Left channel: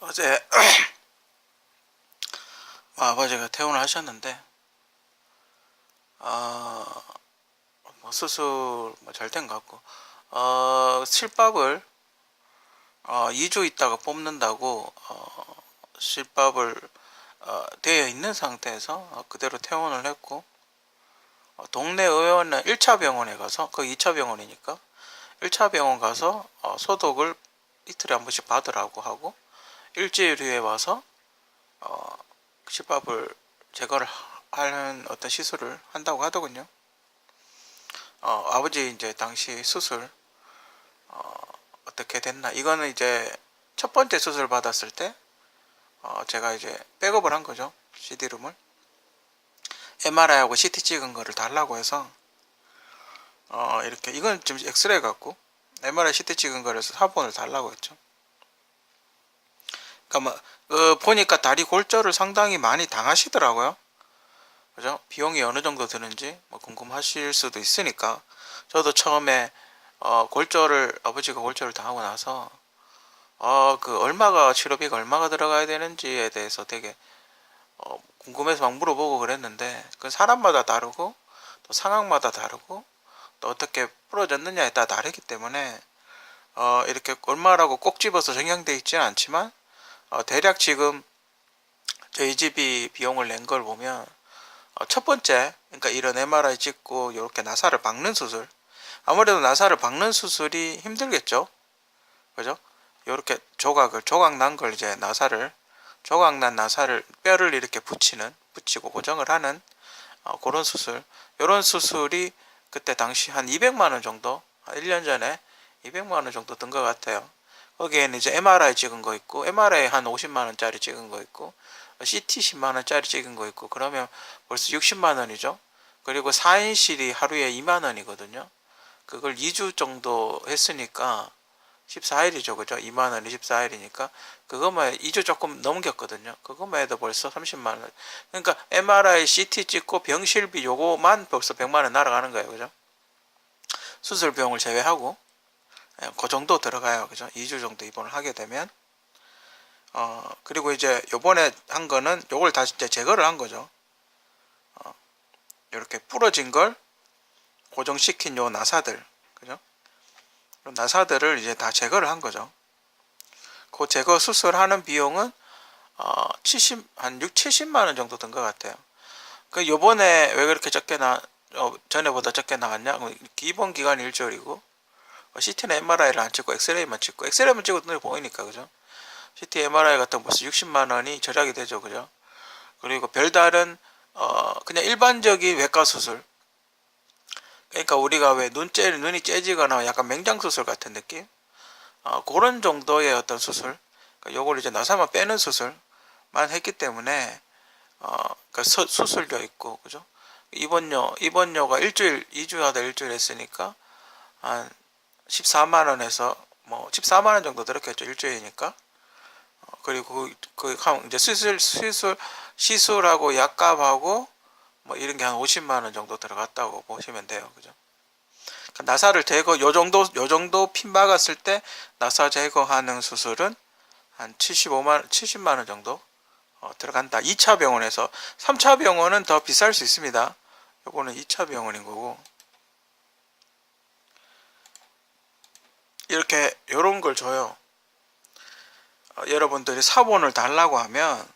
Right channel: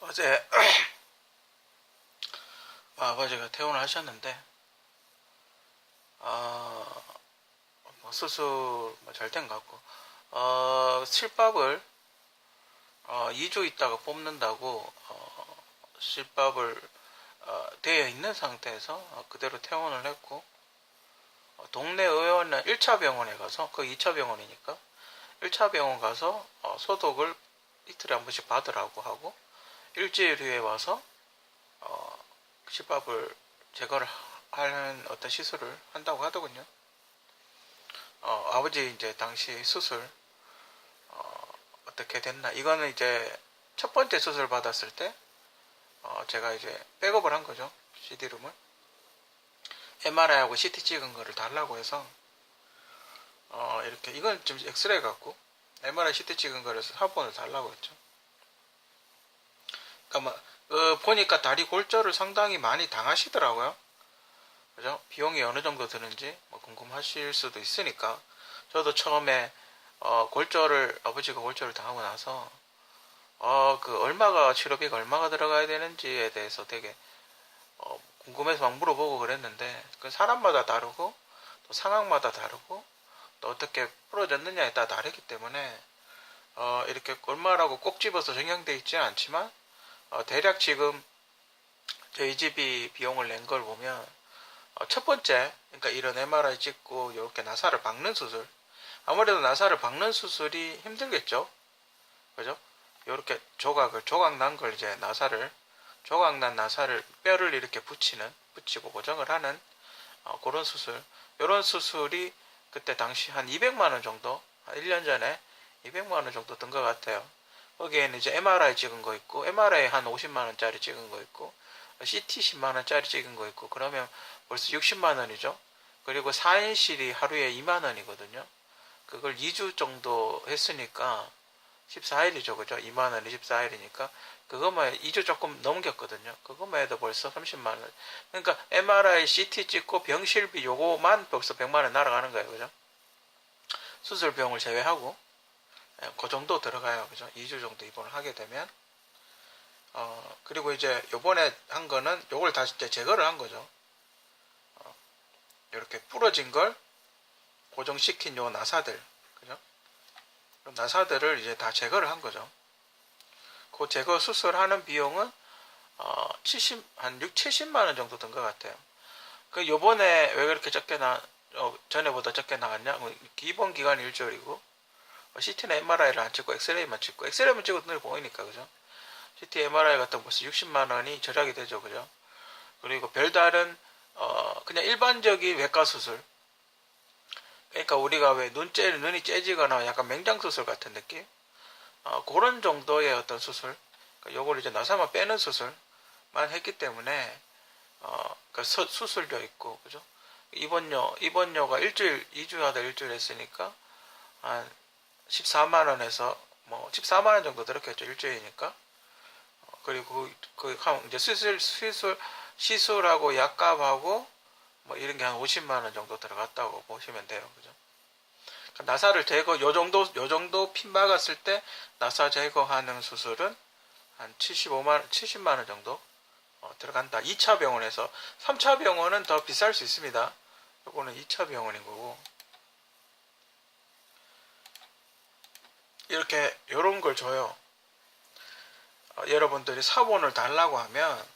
어제 아버지가 퇴원을 하셨는데 어, 뭐 수술 잘 된 것 같고 실밥을 2주 있다가 뽑는다고 실밥을 되어 있는 상태에서 그대로 퇴원을 했고 동네 의원은 1차 병원에 가서 그 2차 병원이니까 1차 병원 가서 소독을 이틀에 한 번씩 받으라고 하고 일주일 후에 와서 어, 실밥을 제거를 하는 어떤 시술을 한다고 하더군요. 아버지 이제 당시 수술 어떻게 됐나? 이거는 이제 첫 번째 수술 받았을 때 제가 이제 백업을 한 거죠. CD룸을 MRI하고 CT 찍은 거를 달라고 해서 이렇게 이건 지금 엑스레이 같고 MRI CT 찍은 거라서 사본을 달라고 했죠. 그러니까 뭐 보니까 다리 골절을 상당히 많이 당하시더라고요. 그죠? 비용이 어느 정도 드는지 뭐 궁금하실 수도 있으니까 저도 처음에 아버지가 골절을 당하고 나서 그 얼마가 치료비가 얼마가 들어가야 되는지에 대해서 되게 궁금해서 막 물어보고 그랬는데 그 사람마다 다르고 또 상황마다 다르고 또 어떻게 풀어졌느냐에 따라 다르기 때문에 이렇게 얼마라고 꼭 집어서 정형돼 있지는 않지만 대략 지금 저희 집이 비용을 낸 걸 보면 첫 번째 그러니까 이런 MRI 찍고 이렇게 나사를 박는 수술 아무래도 나사를 박는 수술이 힘들겠죠. 그죠? 이렇게 조각 난 걸 이제 조각 난 나사를 뼈를 이렇게 붙이고 고정을 하는 그런 수술. 이런 수술이 그때 당시 한 200만 원 정도, 한 1년 전에 200만 원 정도 든 것 같아요. 거기에는 이제 MRI 찍은 거 있고, MRI 한 50만 원짜리 찍은 거 있고, CT 10만 원짜리 찍은 거 있고, 그러면 벌써 60만 원이죠. 그리고 4인실이 하루에 2만 원이거든요. 그걸 2주 정도 했으니까 14일이죠. 그죠? 2만 원 24일이니까 그것만 2주 조금 넘겼거든요. 그것만 해도 벌써 30만 원. 그러니까 MRI, CT 찍고 병실비 요거만 벌써 100만 원 날아가는 거예요. 그죠? 수술 비용을 제외하고 그 정도 들어가요. 그죠? 2주 정도 입원을 하게 되면 그리고 이제 요번에 한 거는 요걸 다시 이제 제거를 한 거죠. 이렇게 부러진 걸 고정시킨 요 나사들. 그죠? 나사들을 이제 다 제거를 한 거죠. 그 제거 수술하는 비용은 한 6, 70만 원 정도 든 것 같아요. 그 요번에 왜 그렇게 전에보다 적게 나왔냐? 기본 기간 일주일이고, CT나 MRI를 안 찍고 엑스레이만 찍고, 엑스레이만 찍어도 눈에 보이니까, 그죠? CT, MRI 같은 거 벌써 60만 원이 절약이 되죠, 그죠? 그리고 별다른, 그냥 일반적인 외과 수술. 그러니까 우리가 왜 눈이 째지거나 약간 맹장 수술 같은 느낌? 그런 정도의 어떤 수술. 그러니까 요걸 이제 나사만 빼는 수술만 했기 때문에 그러니까 수술료 있고 그죠? 입원료가 일주일 2주 하다 일주일 했으니까 한 14만 원에서 뭐 14만 원 정도 들었겠죠 일주일이니까. 그리고 이제 시술하고 약값하고 뭐 이런 게 한 50만 원 정도 들어갔다고 보시면 돼요, 그죠? 그러니까 나사를 제거 요 정도 핀 박았을 때 나사 제거하는 수술은 한 70만 원 정도 들어간다. 2차 병원에서 3차 병원은 더 비쌀 수 있습니다. 요거는 2차 병원인 거고 이렇게 요런 걸 줘요. 여러분들이 사본을 달라고 하면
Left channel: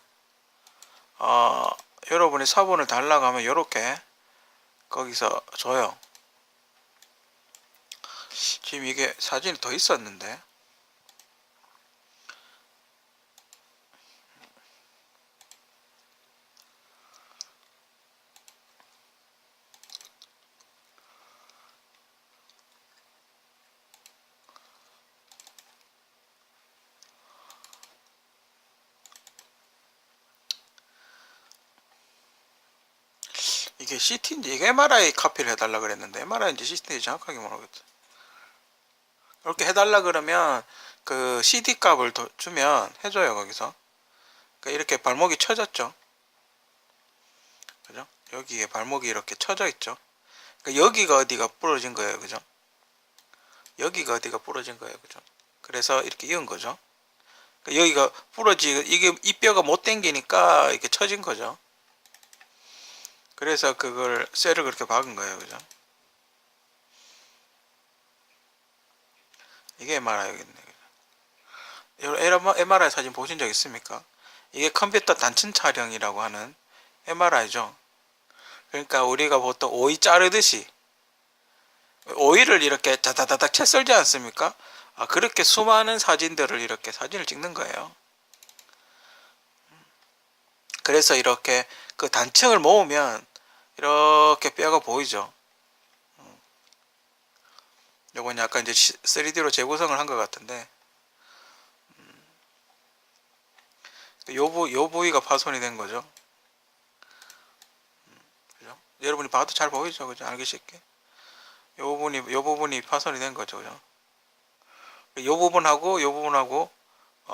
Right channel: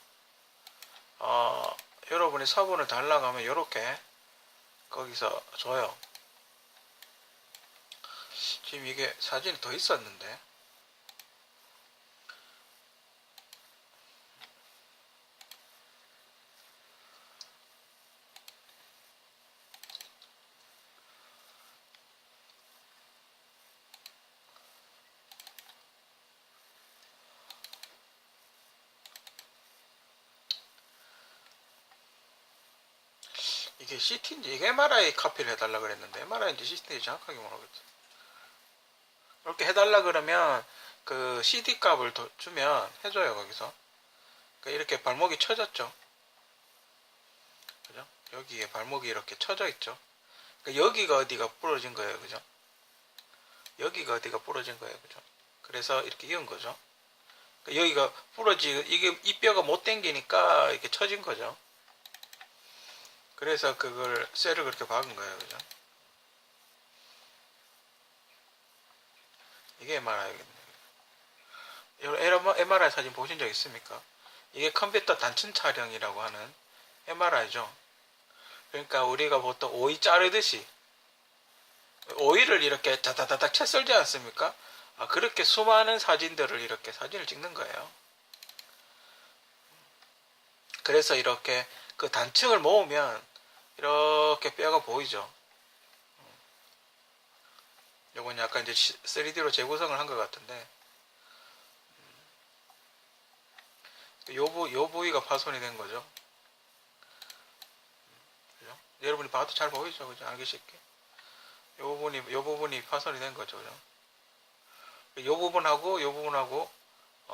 여러분이 사본을 달라고 하면 요렇게 거기서 줘요. 지금 이게 사진이 더 있었는데 이게 CT인지 이게 MRI 카피를 해달라 그랬는데 MRI인지 CT인지 정확하게 모르겠어. 이렇게 해달라 그러면 그 CD 값을 주면 해줘요 거기서. 그러니까 이렇게 발목이 쳐졌죠. 그죠? 여기에 발목이 이렇게 쳐져 있죠. 그러니까 여기가 어디가 부러진 거예요, 그죠? 여기가 어디가 부러진 거예요, 그죠? 그래서 이렇게 이은 거죠. 여기가 이게 이 뼈가 못 당기니까 이렇게 처진 거죠. 그래서 그걸 쇠를 그렇게 박은 거예요, 그죠? 이게 MRI겠네. MRI 사진 보신 적 있습니까? 이게 컴퓨터 단층 촬영이라고 하는 MRI죠. 그러니까 우리가 보통 오이 자르듯이 오이를 이렇게 다다다닥 채 썰지 않습니까? 그렇게 수많은 사진들을 이렇게 사진을 찍는 거예요. 그래서 이렇게 그 단층을 모으면 이렇게 뼈가 보이죠. 요건 약간 이제 3D로 재구성을 한 것 같은데, 요 부위가 파손이 된 거죠. 그죠? 여러분이 봐도 잘 보이죠, 그죠? 알기 쉽게. 요 부분이 파손이 된 거죠, 그죠? 요 부분하고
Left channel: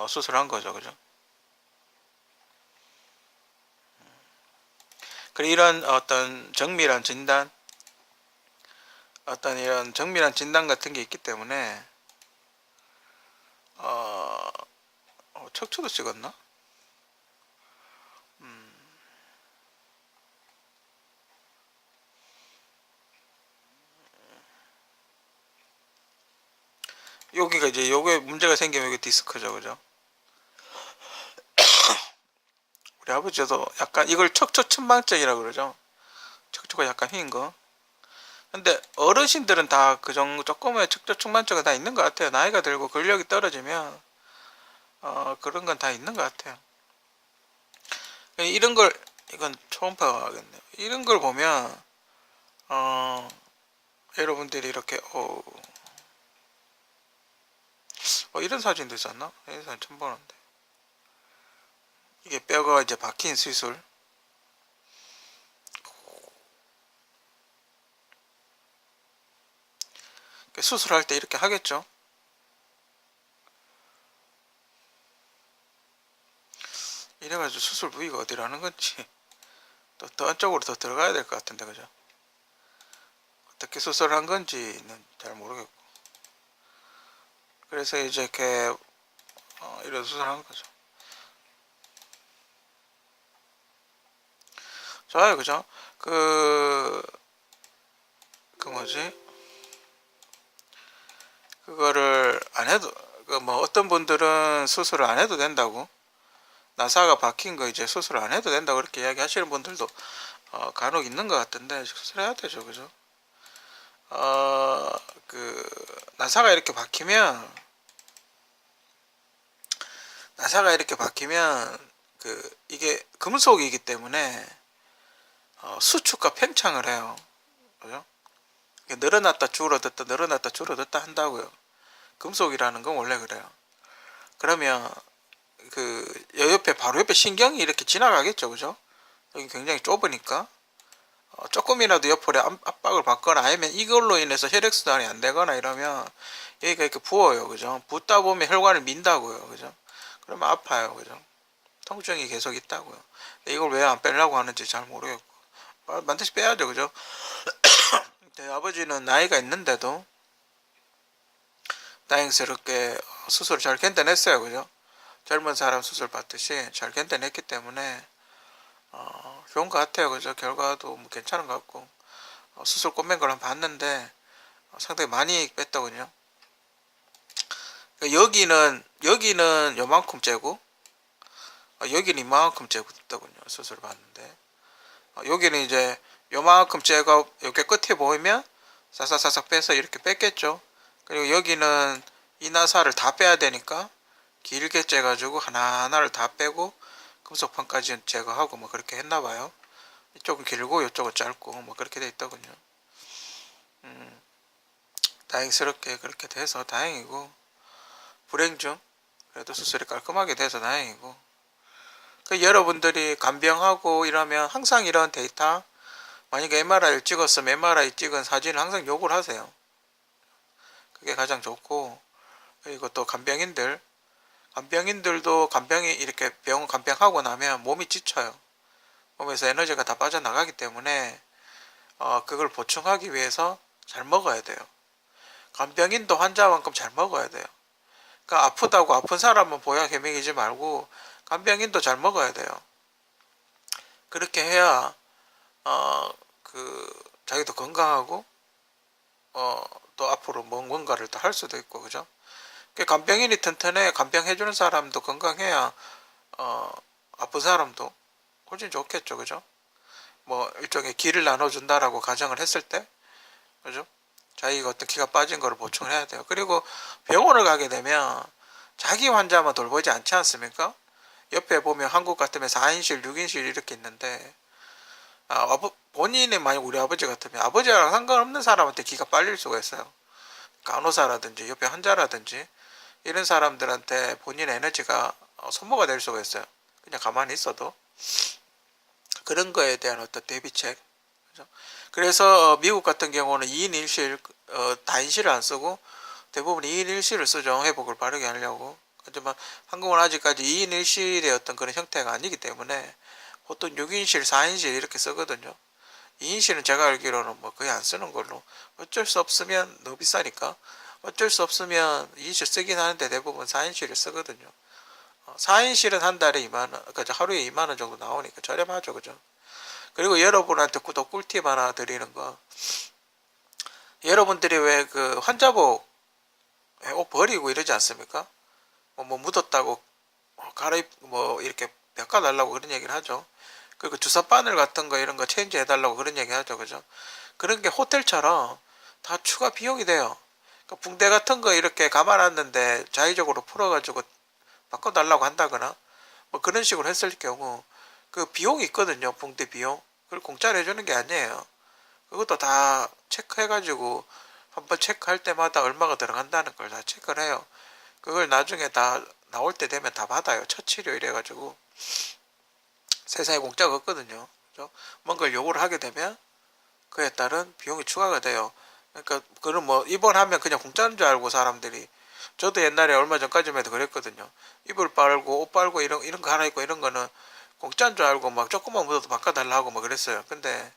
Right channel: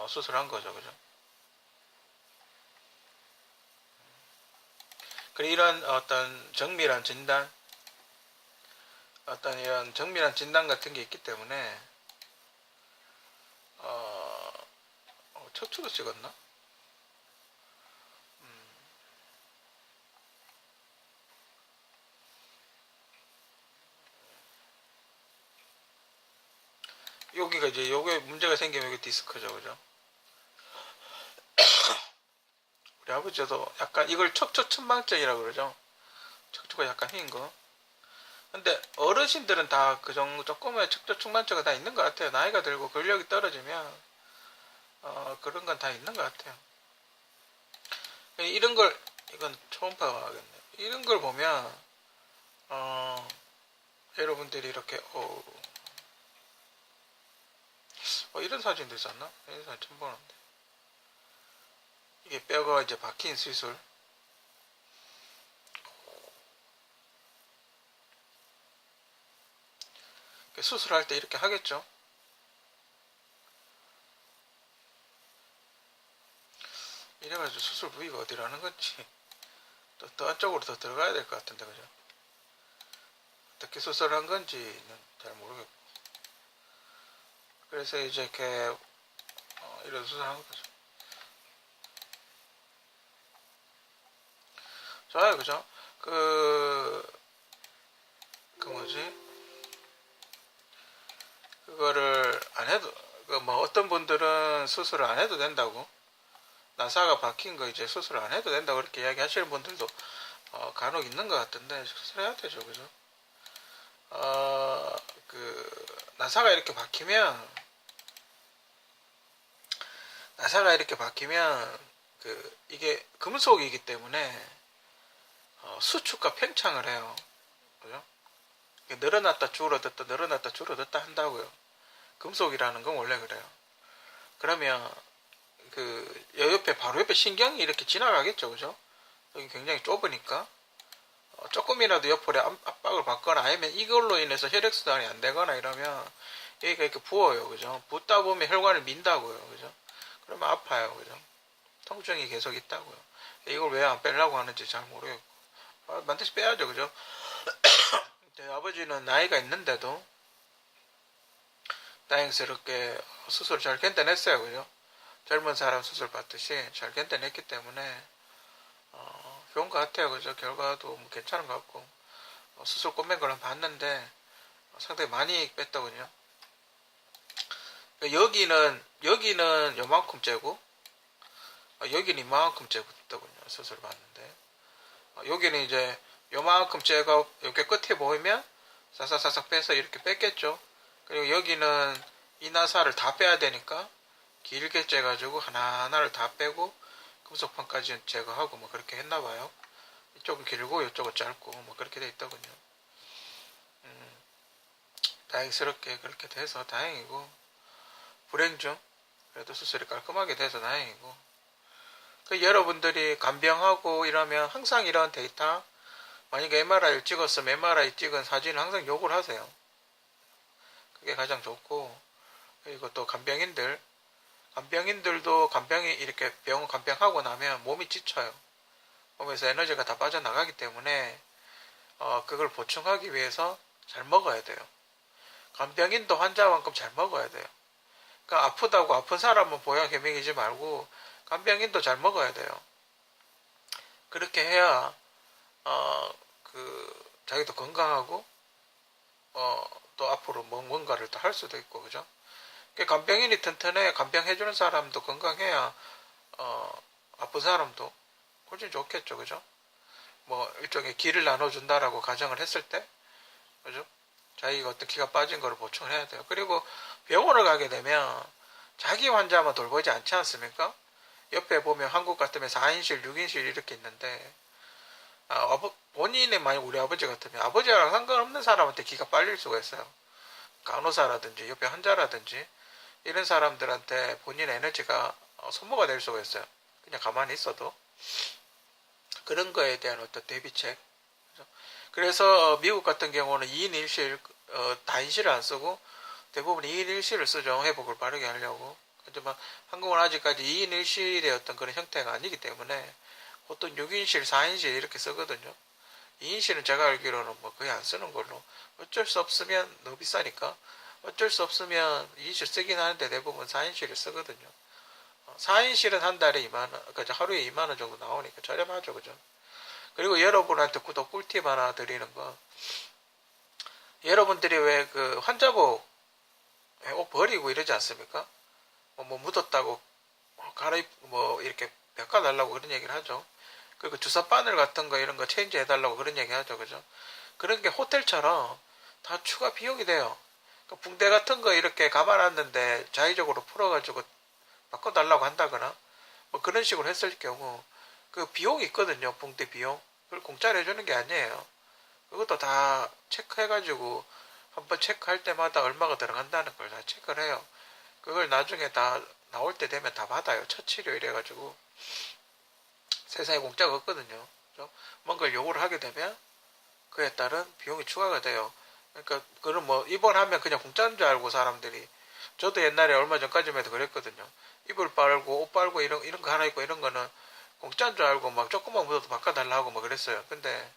수술한 거죠, 그죠? 그리고 이런 이런 정밀한 진단 같은 게 있기 때문에, 척추도 찍었나? 여기가 이제 요게 문제가 생기면 이게 디스크죠, 그죠? 우리 아버지도 약간 이걸 척추천망증이라고 그러죠. 척추가 약간 휜 거. 근데 어르신들은 다 그 정도 조금의 척추천망증은 다 있는 것 같아요. 나이가 들고 근력이 떨어지면 그런 건 다 있는 것 같아요. 이런 걸 이건 초음파가 하겠네. 이런 걸 보면 여러분들이 이렇게 이런 사진도 있었나? 이런 사진 처음 보는데 이게 뼈가 이제 박힌 수술. 수술할 때 이렇게 하겠죠. 이래가지고 수술 부위가 어디라는 건지 더 안쪽으로 더 들어가야 될 것 같은데, 그죠? 어떻게 수술한 건지는 잘 모르겠고. 그래서 이제 이렇게 이런 수술한 거죠. 좋아요, 그죠? 그 뭐지? 그거를 안 해도, 뭐 어떤 분들은 수술을 안 해도 된다고, 나사가 박힌 거 이제 수술을 안 해도 된다고 그렇게 이야기 하시는 분들도 간혹 있는 것 같은데, 수술해야 되죠, 그죠? 나사가 이렇게 박히면, 이게 금속이기 때문에 수축과 팽창을 해요. 그죠? 늘어났다 줄어들다 늘어났다 줄어들다 한다고요. 금속이라는 건 원래 그래요. 그러면 바로 옆에 신경이 이렇게 지나가겠죠, 그죠? 여기 굉장히 좁으니까 조금이라도 옆으로 압박을 받거나 아니면 이걸로 인해서 혈액순환이 안 되거나 이러면 여기가 이렇게 부어요, 그죠? 붓다 보면 혈관을 민다고요, 그죠? 그러면 아파요, 그죠? 통증이 계속 있다고요. 이걸 왜 안 빼려고 하는지 잘 모르겠고 반드시 빼야죠, 그죠? 아버지는 나이가 있는데도 다행스럽게 수술을 잘 견뎌냈어요, 그죠? 젊은 사람 수술 받듯이 잘 견뎌냈기 때문에 좋은 것 같아요, 그죠? 결과도 뭐 괜찮은 것 같고 수술 꼬맨 걸 한번 봤는데 상당히 많이 뺐더군요. 여기는 요만큼 째고 여기는 이만큼 째고 있더군요. 수술을 받는데 여기는 이제 요만큼 째고 이렇게 끝에 보이면 사사사삭 빼서 이렇게 뺐겠죠. 그리고 여기는 이 나사를 다 빼야 되니까 길게 째가지고 하나하나를 다 빼고 금속판까지 제거하고 뭐 그렇게 했나봐요. 이쪽은 길고 이쪽은 짧고 뭐 그렇게 돼 있더군요. 다행스럽게 그렇게 돼서 다행이고, 불행 중 그래도 수술이 깔끔하게 돼서 다행이고, 여러분들이 간병하고 이러면 항상 이런 데이터, 만약에 MRI를 찍었으면 MRI 찍은 사진을 항상 요구를 하세요. 그게 가장 좋고, 그리고 또 간병인들도 간병이 이렇게 병원 간병하고 나면 몸이 지쳐요. 몸에서 에너지가 다 빠져나가기 때문에 그걸 보충하기 위해서 잘 먹어야 돼요. 간병인도 환자만큼 잘 먹어야 돼요. 그러니까 아프다고 아픈 사람은 보약 해먹이지 말고 간병인도 잘 먹어야 돼요. 그렇게 해야 자기도 건강하고 또 앞으로 뭔가를 더 할 수도 있고 그죠? 간병인이 튼튼해 간병해주는 사람도 건강해야 아픈 사람도 훨씬 좋겠죠, 그죠? 뭐 일종의 기를 나눠준다라고 가정을 했을 때, 그죠? 자기가 어떤 기가 빠진 거를 보충을 해야 돼요. 그리고 병원을 가게 되면 자기 환자만 돌보지 않지 않습니까? 옆에 보면 한국 같으면 4인실, 6인실 이렇게 있는데 본인이 만약 우리 아버지 같으면 아버지랑 상관없는 사람한테 기가 빨릴 수가 있어요. 간호사라든지 옆에 환자라든지 이런 사람들한테 본인의 에너지가 소모가 될 수가 있어요. 그냥 가만히 있어도. 그런 거에 대한 어떤 대비책. 그래서 미국 같은 경우는 2인 1실, 다인실을 안 쓰고 대부분 2인 1실을 쓰죠. 회복을 빠르게 하려고. 하지만 한국은 아직까지 2인 1실의 어떤 그런 형태가 아니기 때문에 보통 6인실, 4인실 이렇게 쓰거든요. 2인실은 제가 알기로는 뭐 거의 안 쓰는 걸로. 어쩔 수 없으면 너무 비싸니까. 어쩔 수 없으면 2인실 쓰긴 하는데 대부분 4인실을 쓰거든요. 4인실은 한 달에 2만원, 그러니까 하루에 2만원 정도 나오니까 저렴하죠, 그죠? 그리고 여러분한테 또 꿀팁 하나 드리는 거. 여러분들이 왜 그 환자복 옷 버리고 이러지 않습니까? 뭐 묻었다고 뭐 이렇게 바꿔달라고 그런 얘기를 하죠. 그리고 주사 바늘 같은 거 이런 거 체인지 해달라고 그런 얘기 하죠, 그죠? 그런 게 호텔처럼 다 추가 비용이 돼요. 그러니까 붕대 같은 거 이렇게 감아놨는데 자의적으로 풀어가지고 바꿔달라고 한다거나 뭐 그런 식으로 했을 경우 그 비용이 있거든요. 붕대 비용. 그걸 공짜로 해주는 게 아니에요. 그것도 다 체크해가지고 한번 체크할 때마다 얼마가 들어간다는 걸 다 체크를 해요. 그걸 나중에 다 나올 때 되면 다 받아요. 첫 치료 이래가지고 세상에 공짜가 없거든요. 그죠? 뭔가를 요구를 하게 되면 그에 따른 비용이 추가가 돼요. 그러니까 그럼 뭐 입원하면 그냥 공짜인 줄 알고 사람들이. 저도 옛날에 얼마 전까지만 해도 그랬거든요. 이불 빨고 옷 빨고 이런 거 하나 있고 이런 거는 공짜인 줄 알고 막 조금만 묻어도 바꿔달라고 막 그랬어요. 근데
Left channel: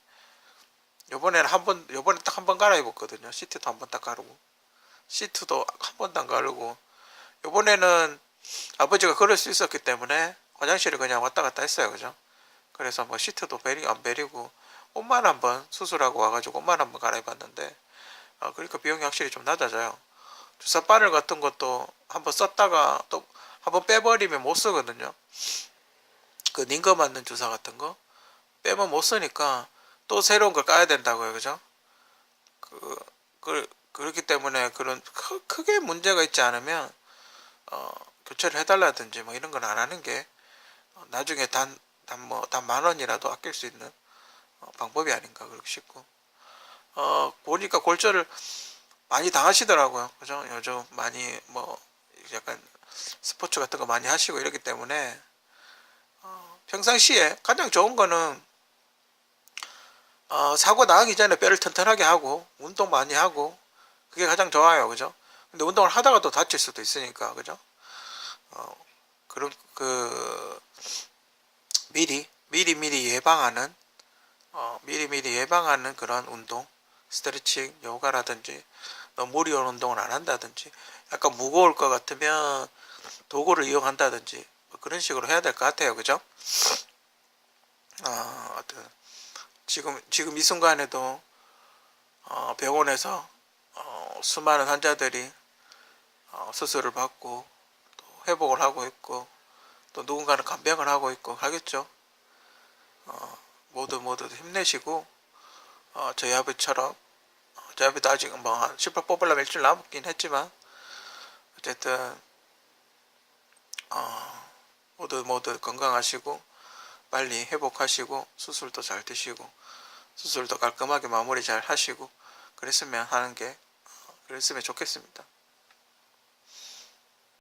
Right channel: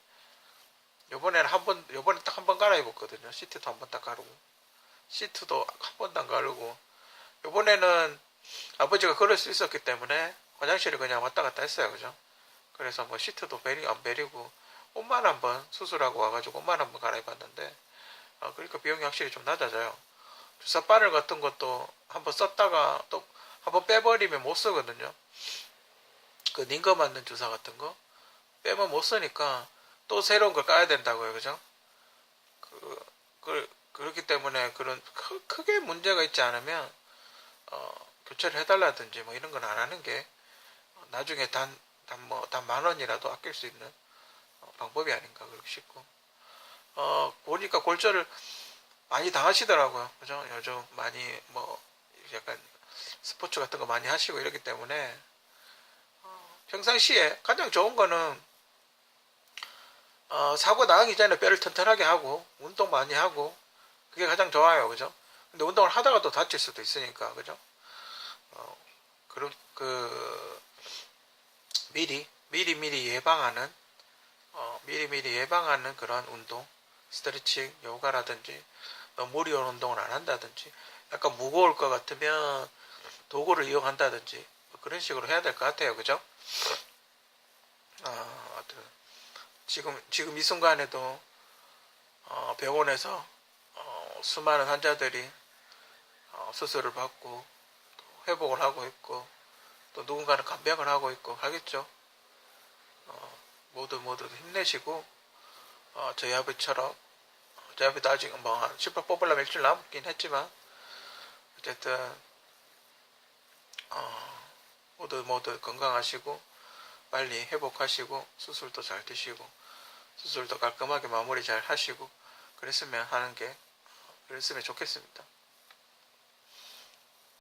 요번에 딱 한 번 갈아입었거든요. 시트도 한 번 딱 가르고 시트도 한 번도 안 가르고 요번에는 아버지가 그럴 수 있었기 때문에 화장실을 그냥 왔다 갔다 했어요. 그죠? 그래서 뭐 시트도 안 베리고 옷만 한번 수술하고 와가지고 옷만 한번 갈아입었는데 그러니까 비용이 확실히 좀 낮아져요. 주사 바늘 같은 것도 한번 썼다가 또 한번 빼버리면 못 쓰거든요. 그 링거 맞는 주사 같은 거 빼면 못 쓰니까 또 새로운 걸 까야 된다고요. 그죠? 그렇기 때문에 그런 크게 문제가 있지 않으면 교체를 해달라든지 뭐 이런 건 안 하는 게 나중에 단 10,000원이라도 아낄 수 있는 방법이 아닌가 그렇게 싶고 보니까 골절을 많이 당하시더라고요. 그죠? 요즘 많이 뭐 약간 스포츠 같은 거 많이 하시고 이러기 때문에 평상시에 가장 좋은 거는 사고 나기 전에 뼈를 튼튼하게 하고 운동 많이 하고 그게 가장 좋아요. 그죠? 근데 운동을 하다가 또 다칠 수도 있으니까 그죠? 그런 미리 예방하는 미리 예방하는 그런 운동, 스트레칭, 요가라든지 무리 운동을 안 한다든지 약간 무거울 것 같으면 도구를 이용한다든지 뭐 그런 식으로 해야 될 것 같아요. 그죠? 지금 이 순간에도 병원에서 수많은 환자들이 수술을 받고 또 회복을 하고 있고 또 누군가는 간병을 하고 있고 하겠죠. 모두 힘내시고 저희 아버지처럼 저희 아버지도 아직 뭐한 18 뽑으려면 일주일 남았긴 했지만 어쨌든 모두 건강하시고 빨리 회복하시고 수술도 잘 되시고 수술도 깔끔하게 마무리 잘 하시고 그랬으면 좋겠습니다.